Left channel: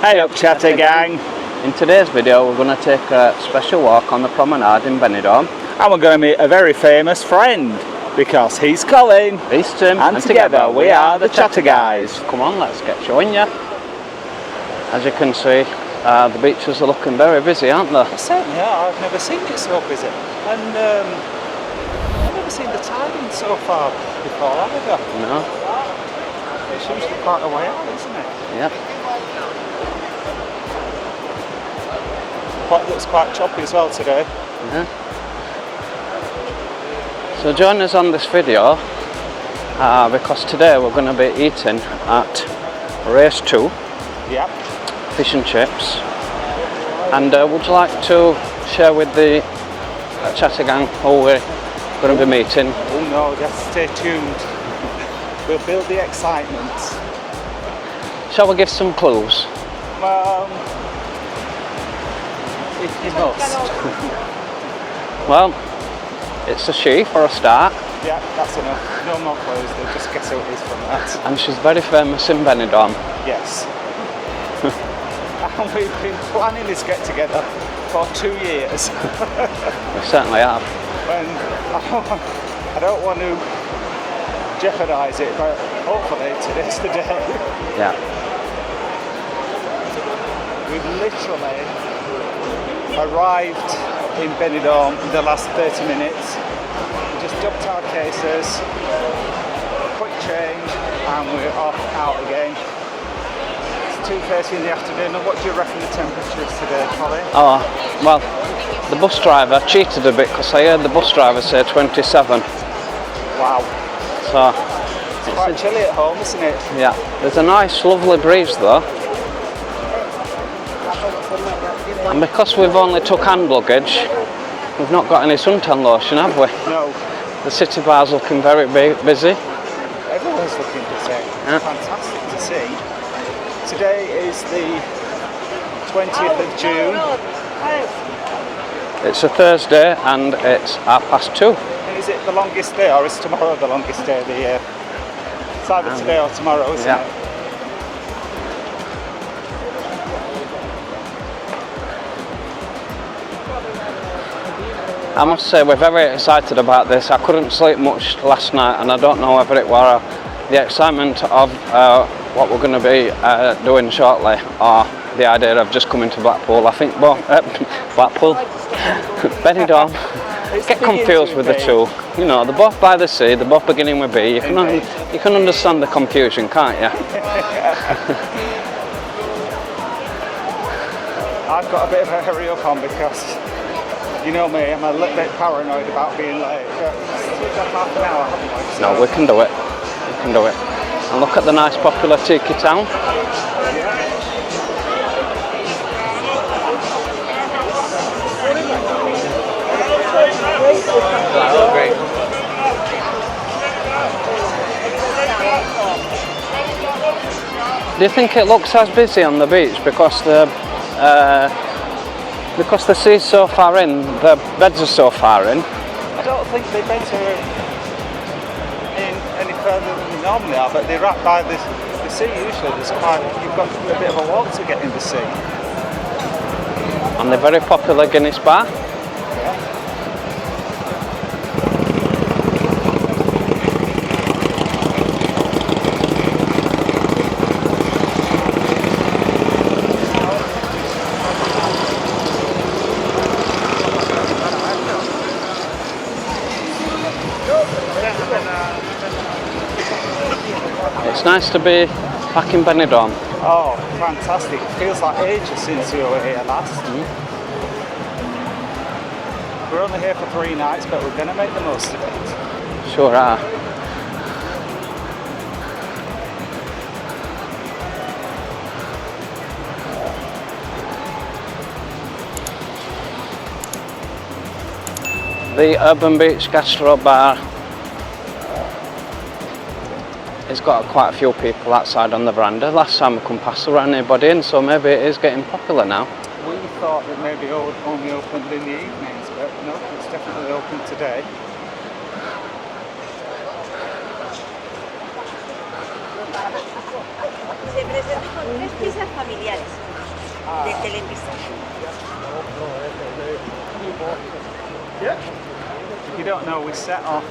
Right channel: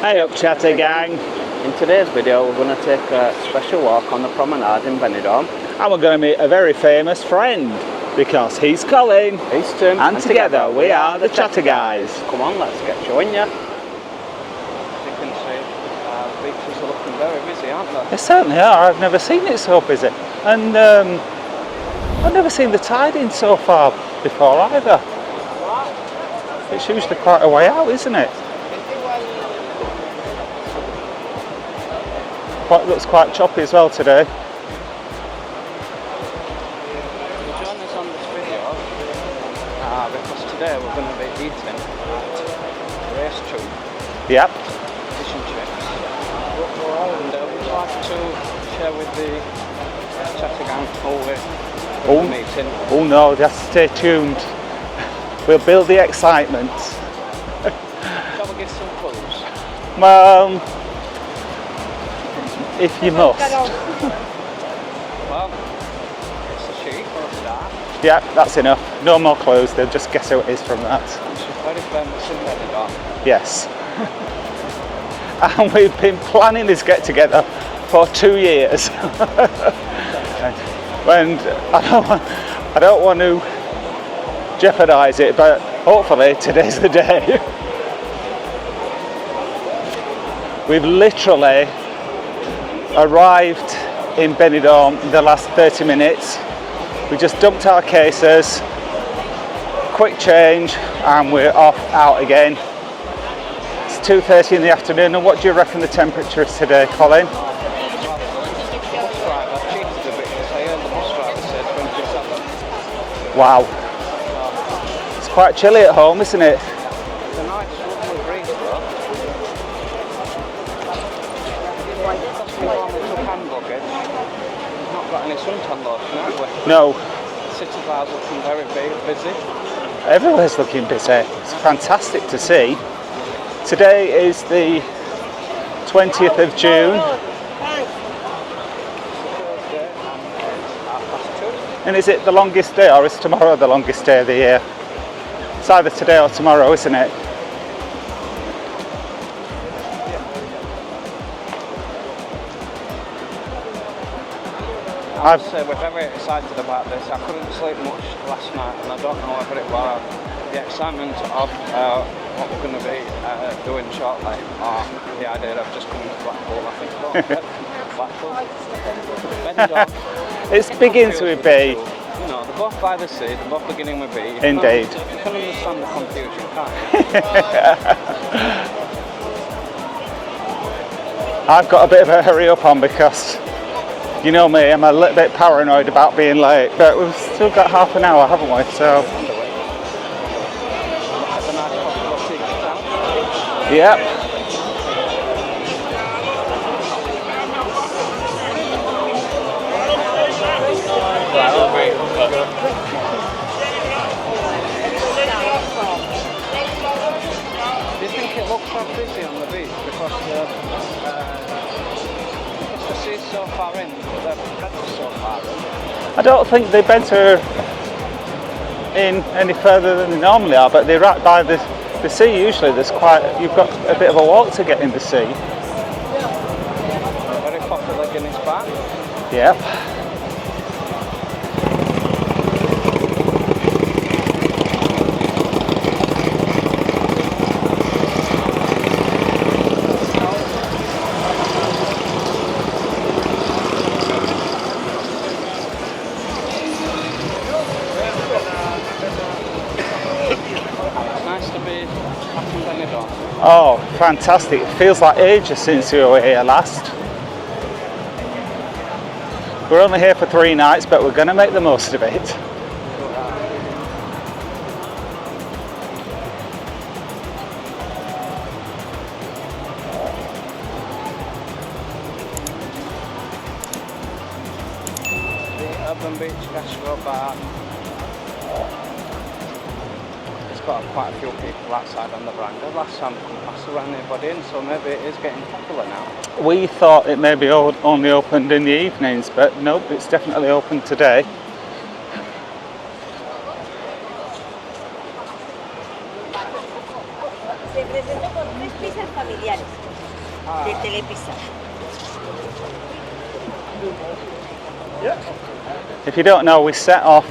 Hey up, chatter gang. In today's video we're going to take a special walk on the promenade in Benidorm. And we're going to meet a very famous friend, because he's Colin. He's Tim. And together we are the Chatter Guys. Come on, let's get showing you. As you can see, the beaches are looking very busy, aren't they? They certainly are. I've never seen it so busy. And I've never seen the tide in so far before either. No. It's usually quite a way out, isn't it? Yep. Looks quite choppy as well today. Yeah. So join us on this video because today we're going to be eating at Race 2. Yep. Fish and chips. And would you like to share with the Chatter gang who we're going to be meeting? Oh no, just stay tuned. We'll build the excitement. Shall we give some clues? If you must. Well, it's a she for a start. Yeah, that's enough. No more clues, they'll just guess who it is from that. And she's very famous in Benidorm. Yes. And we've been planning this get together for 2 years. We certainly have. And I don't want to jeopardise it, but hopefully today's the day. Yeah. We've literally arrived in Benidorm in the last 30 minutes. We just dumped our cases, quick change, and we're off out again. It's 2:30 in the afternoon, and what do you reckon the temperature is today, Colin? Oh, well, the bus driver cheated a bit because I heard the bus driver say 27. Wow. So it's quite chilly at home, isn't it? yeah, there's a nice, lovely breeze though. And because we've only took hand luggage, we've not got any suntan lotion, have we? No. The city bar's looking very busy. Everywhere's looking busy. It's fantastic to see. Today is the 20th of June. It's a Thursday and it's 2:30. And is it the longest day, or is tomorrow the longest day of the year? It's either today or tomorrow, isn't it? I must say we're very excited about this. I couldn't sleep much last night, and I don't know whether it were the excitement of what we're going to be doing shortly, or the idea of just coming to Blackpool. I think both Blackpool, Benidorm. Get confused with the two. You know, they're both by the sea, they're both beginning with B. You can understand the confusion, can't you? I've got a bit of a hurry up on because, you know me, I'm a little bit paranoid about being late, but we've still got half an hour, haven't we? So no, we can do it. We can do it. And look at the nice popular tiki town. Yeah. Wow, great. Do you think it looks as busy on the beach because the sea's so far in, the beds are so far in? I don't think the beds are in any further than they normally are, but they're right by the sea usually. You've got a bit of a walk to get in the sea. And the very popular Guinness bar. Yeah. It's nice to be back in Benidorm. Oh, fantastic. It feels like ages since we were here last. We're only here for 3 nights, but we're going to make the most of it. Sure are. The Urban Beach Gastro Bar has got quite a few people outside on the veranda. Last time we couldn't pass around anybody in, so maybe it is getting popular now. We thought it maybe only opened in the evenings, but nope, it's definitely open today. Se presentó con 3 pizzas para familiares de telepista. If you don't know, we set off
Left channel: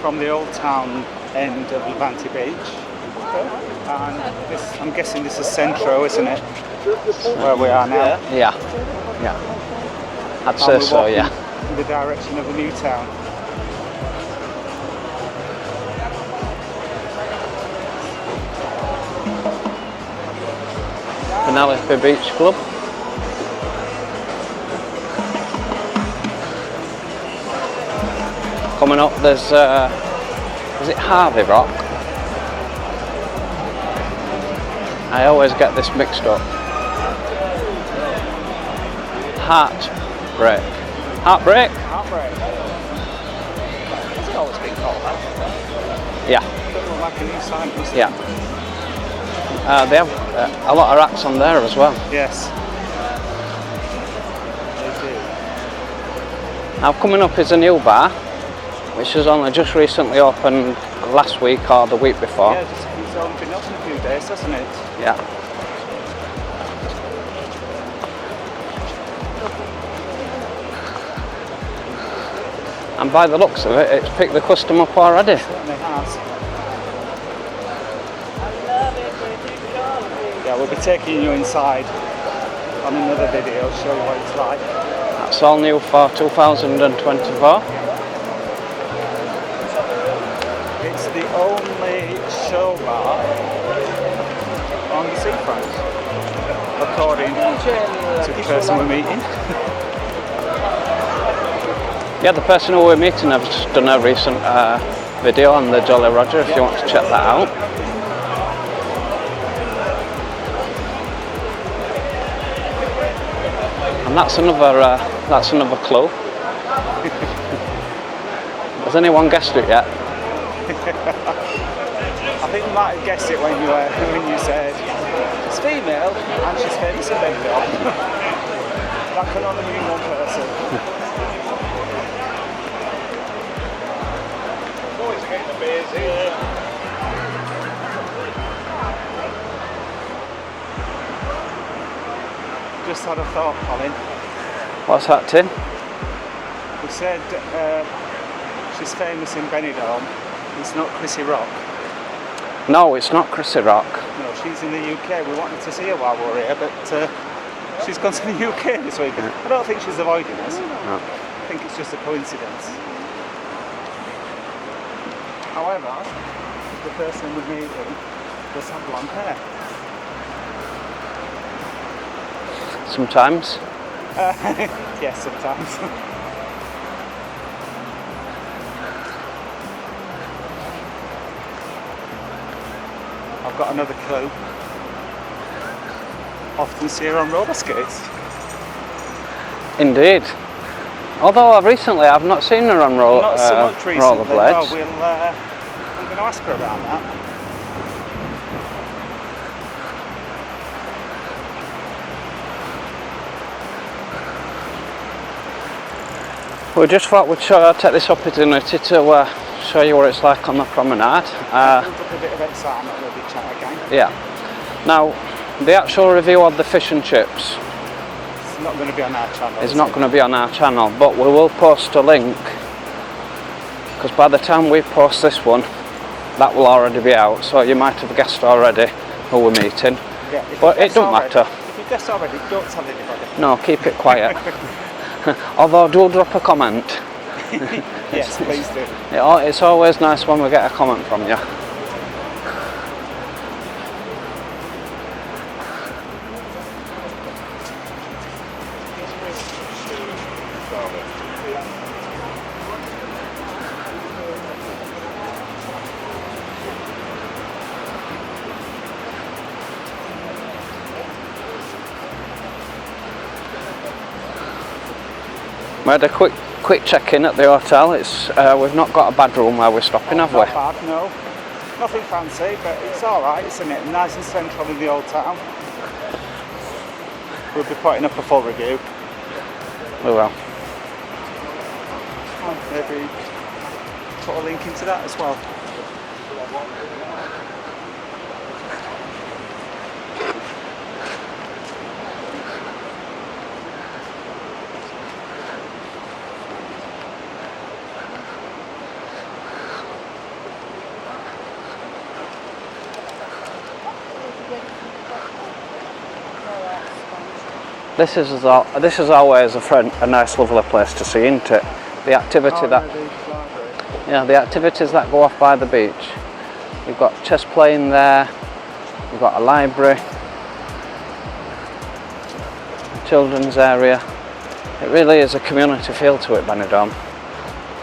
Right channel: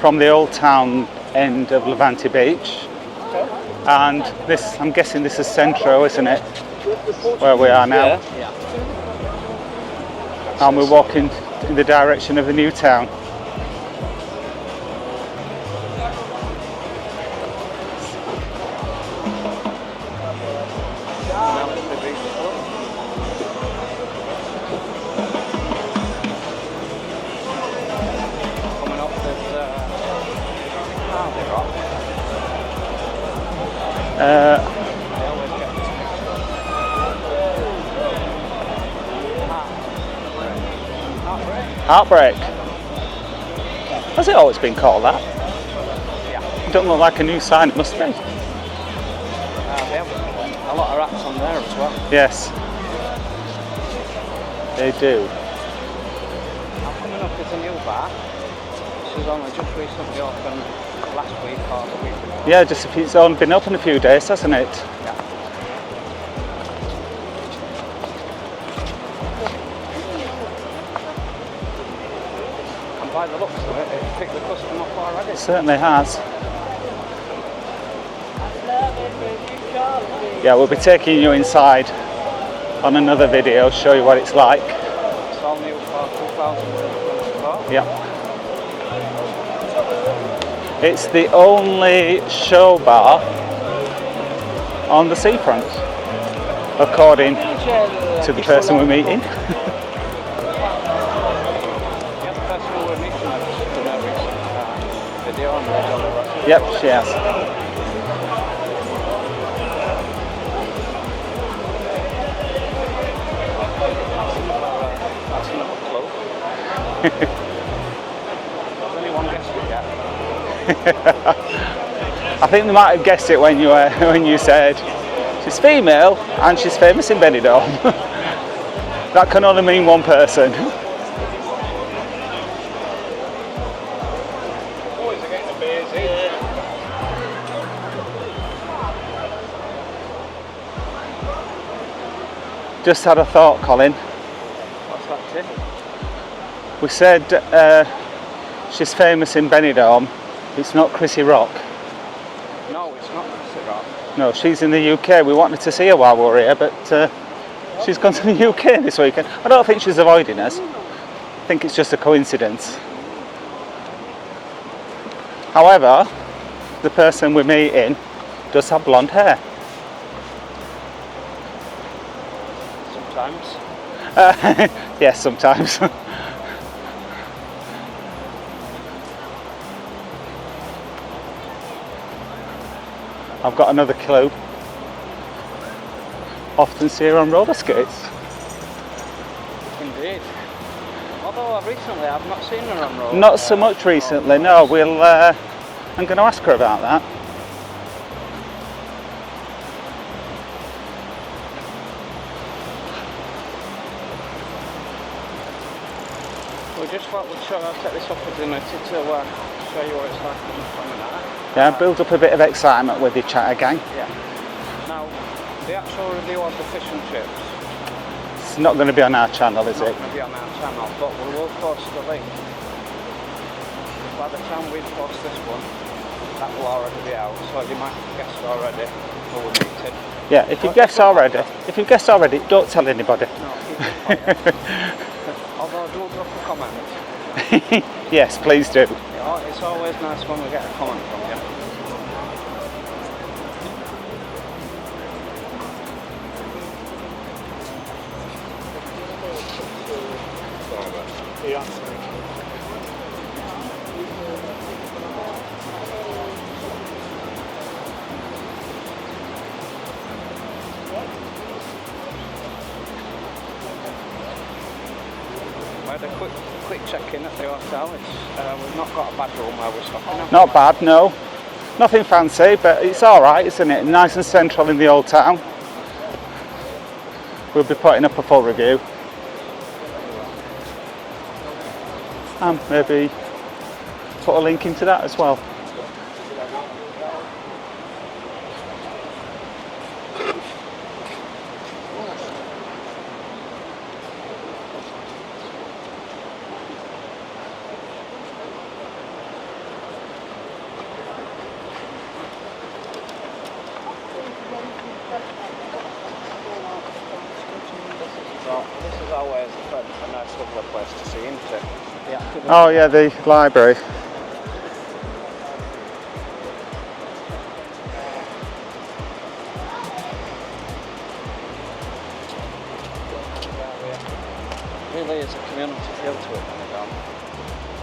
from the old town end of Levante Beach, and this, I'm guessing this is Centro, isn't it? Where we are now. Yeah. Yeah. I'd And say we're so, walking yeah. in the direction of the new town. Penelope Beach Club. Coming up, there's is it Harvey Rock? I always get this mixed up. Heartbreak. Heartbreak? Heartbreak. Has it always been called that? Yeah. It don't look like a new sign, must it? Yeah. They have a lot of acts on there as well. Yes. They do. Now coming up is a new bar, which has only just recently opened last week or the week before. Yeah, it's only been open a few days, hasn't it? Yeah. And by the looks of it, it's picked the custom up already. It certainly has. Yeah, we'll be taking you inside on another video, show you what it's like. That's all new for 2024. Yeah. It's the only show bar on the seafront, according to the person we're meeting. Yeah, the person who we're meeting has just done a recent video on the Jolly Roger, if you want to check that out. And that's another clue. Has anyone guessed it yet? I think they might have guessed it when you said she's female and she's famous in Benidorm. That can only mean one person. Just had a thought, Colin. What's that, Tim? We said she's famous in Benidorm. It's not Chrissy Rock. No, it's not Chrissy Rock. No, she's in the UK. We wanted to see her while we were here, but she's gone to the UK this weekend. I don't think she's avoiding us. No. I think it's just a coincidence. However, the person we're meeting does have blonde hair. Sometimes. Yes, sometimes. I've got another clue. Often see her on roller skates. Indeed. Although I've not seen her on roller. Not so much recently. No, I'm going to ask her about that. We just thought we'd take this opportunity to show you what it's like on the promenade. Build up a bit of excitement with your chatter gang. Yeah. Now, the actual review of the fish and chips It's not going to be on our channel. is not going to be on our channel, but we will post a link, because by the time we post this one, that will already be out. So you might have guessed already who we're meeting. Yeah, if you've guessed already, don't tell anybody. No, keep it quiet. Although do drop a comment. Yes, please do. It's always nice when we get a comment from you. We had a quick check-in at the hotel. We've not got a bad room where we're stopping, have we? Not bad, no. Nothing fancy, but it's all right, isn't it? Nice and central in the old town. We'll be putting up a full review. We will. And maybe put a link into that as well. This is always a nice, lovely place to see, isn't it? The activity. Oh yeah, the library. Yeah, the activities that go off by the beach. You've got chess playing there. You've got a library, children's area. It really is a community feel to it, Benidorm.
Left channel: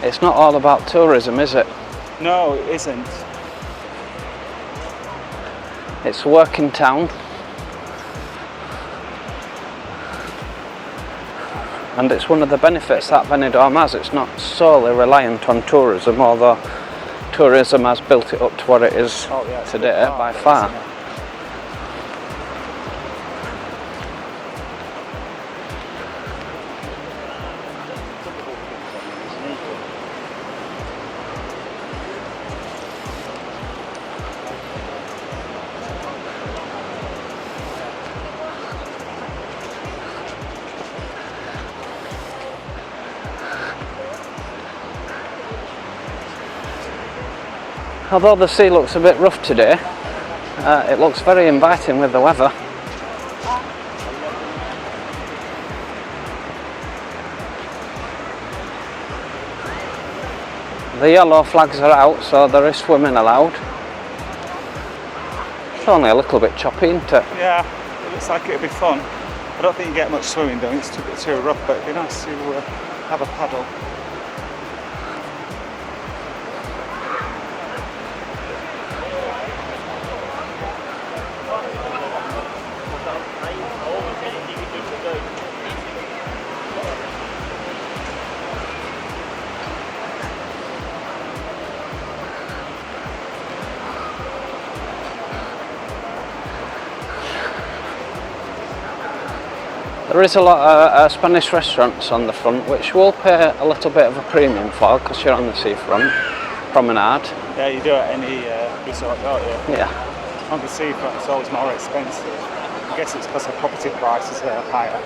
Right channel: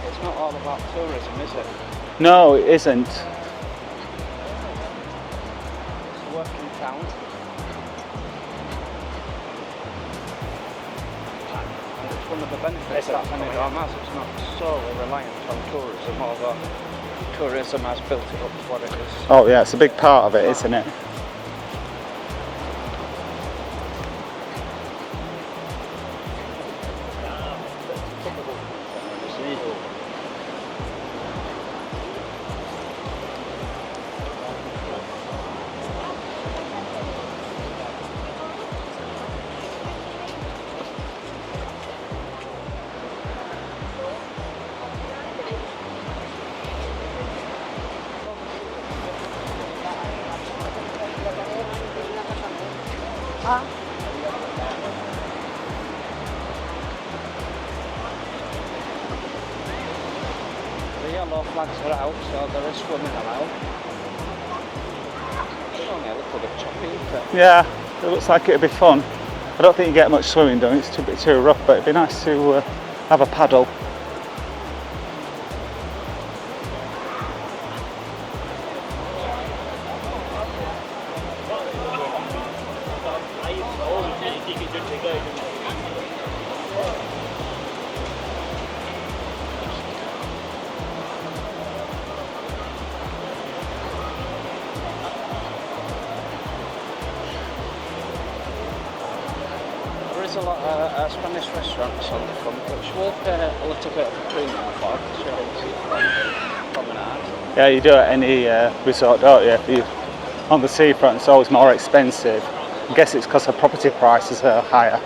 It's not all about tourism, is it? No, it isn't. It's a working town. And it's one of the benefits that Benidorm has. It's not solely reliant on tourism, although tourism has built it up to what it is. Oh yeah, it's a big part of it, far. isn't it? Although the sea looks a bit rough today, it looks very inviting with the weather. The yellow flags are out, so there is swimming allowed. It's only a little bit choppy, isn't it? Yeah, it looks like it'd be fun. I don't think you get much swimming done, it's a bit too rough, but it'd be nice to have a paddle. There is a lot of Spanish restaurants on the front, which we'll pay a little bit of a premium for because you're on the seafront promenade. Yeah, you do at any resort, don't you? Yeah. On the seafront, it's always more expensive. I guess it's because the property prices are higher.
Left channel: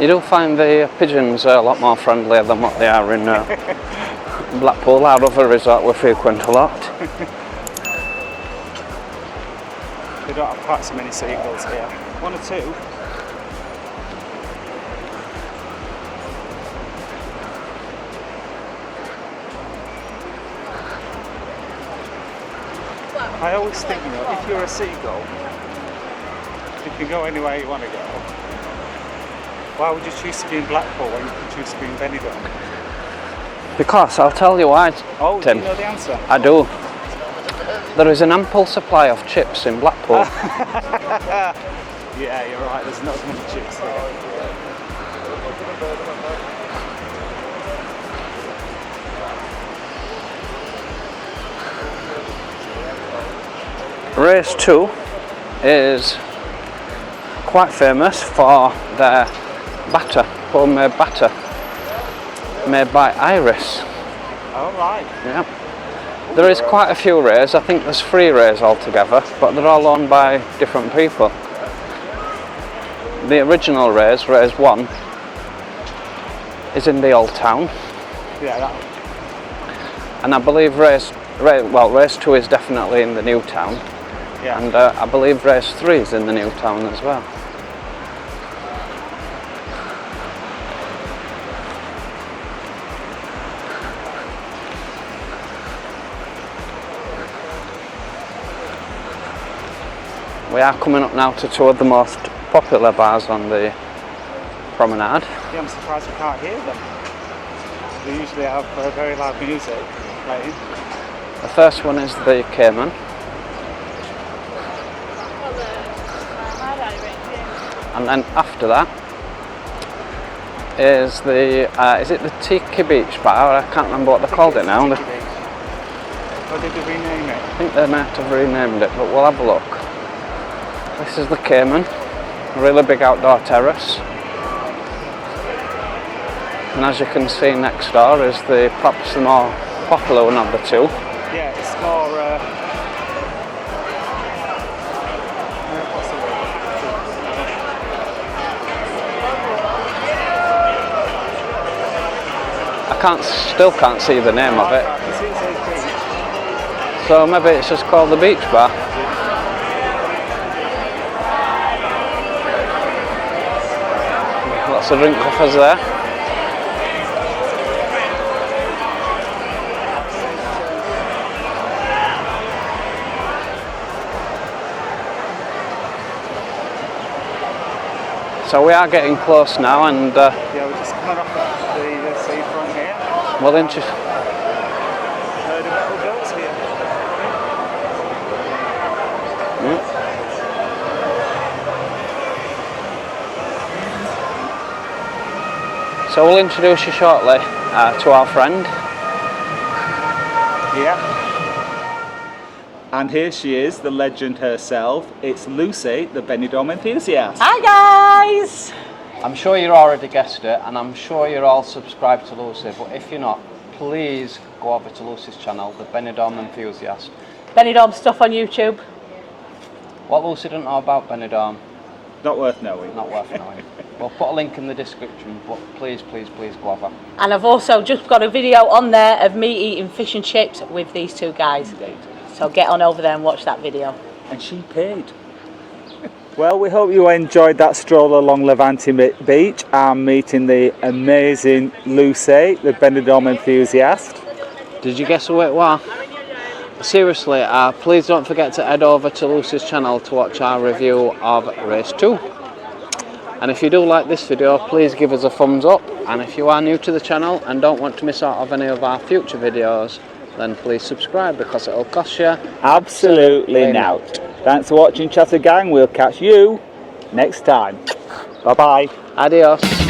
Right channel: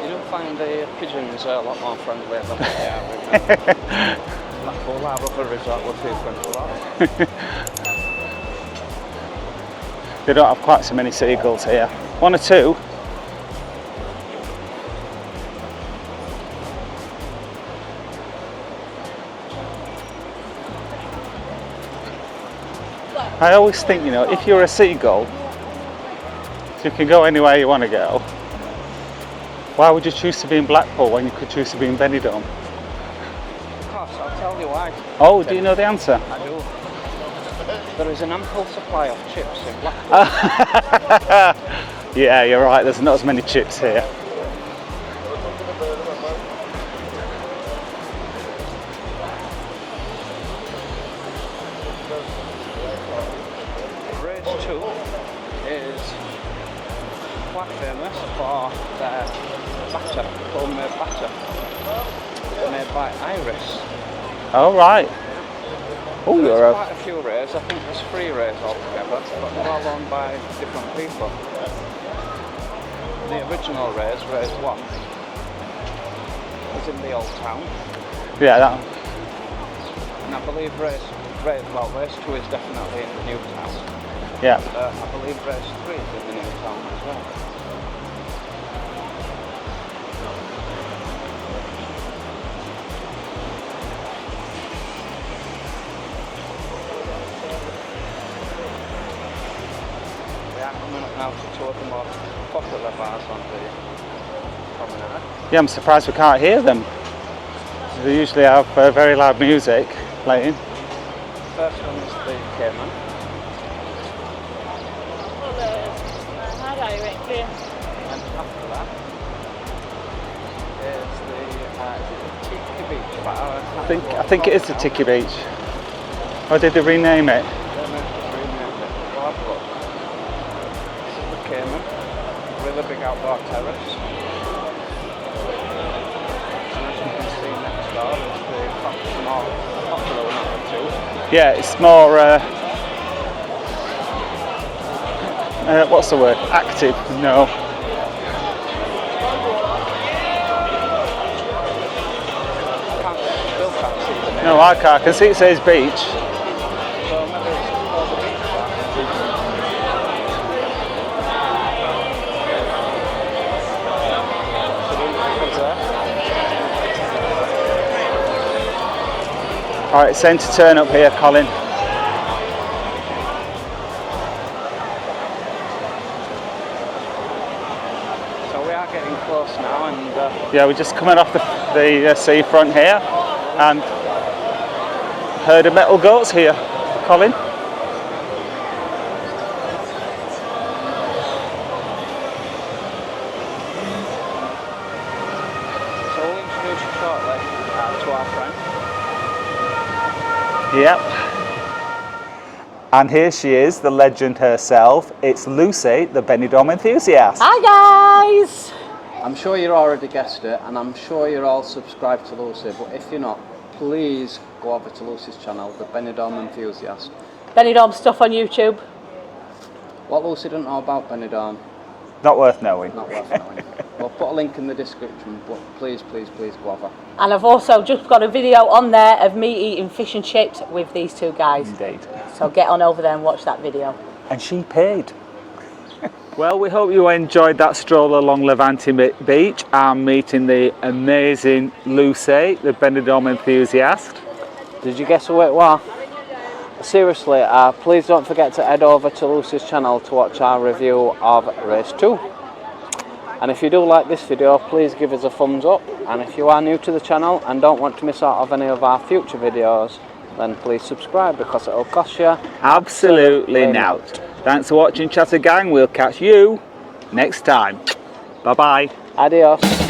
You do find the pigeons a lot more friendlier than what they are in Blackpool, our other resort we frequent a lot. They don't have quite so many seagulls here. One or two. I always think, you know, if you're a seagull, you can go anywhere you want to go. Why would you choose to be in Blackpool when you could choose to be in Benidorm? Because I'll tell you why. Oh, Tim. do you know the answer? I do. There is an ample supply of chips in Blackpool. Yeah, you're right, there's not as many chips here. Race 2 is quite famous for their batter, homemade batter, made by Iris. Oh, right. Yeah. Ooh, There is quite a few rays. I think there's 3 rays altogether, but they're all owned by different people. The original rays, race 1, is in the old town. Yeah, that one. And I believe race 2 is definitely in the new town. Yeah. And I believe race 3 is in the new town as well. We are coming up now to 2 of the most popular bars on the promenade. Yeah, I'm surprised we can't hear them. They usually have very loud music playing. The first one is the Cayman. And then after that is is it the Tiki Beach bar? I can't remember what they called it now. I think it is the Tiki Beach. Or did they rename it? I think they might have renamed it, but we'll have a look. This is the Cayman, a really big outdoor terrace. And as you can see next door is perhaps the more popular one of the 2. Yeah, it's more, what's the word? Active? No. Still can't see the name No, of it. I can see it says beach. So maybe it's just called the Beach Bar. to drink offers there. All right, same to turn up here, Colin. So we are getting close now, and Yeah, we're just coming off the seafront here. well, And herd of metal goats here, Colin. so we'll introduce you shortly to our friend. Yeah. And here she is, the legend herself. It's Lucy, the Benidorm enthusiast. Hi guys! I'm sure you already guessed it, and I'm sure you're all subscribed to Lucy, but if you're not, please go over to Lucy's channel, the Benidorm Enthusiast. Benidorm stuff on YouTube. What Lucy doesn't know about Benidorm, Not worth knowing. not worth knowing. We'll put a link in the description, but please, please, please go over. And I've also just got a video on there of me eating fish and chips with these two guys. Indeed. So get on over there and watch that video. And she paid. Well, we hope you enjoyed that stroll along Levante Beach and meeting the amazing Lucy, the Benidorm enthusiast. Did you guess who it was? Seriously, please don't forget to head over to Lucy's channel to watch our review of race 2. And if you do like this video, please give us a thumbs up. And if you are new to the channel and don't want to miss out of any of our future videos, then please subscribe, because it'll cost you Absolutely not. Thanks for watching, Chatter Gang. We'll catch you next time. Bye-bye. Adios.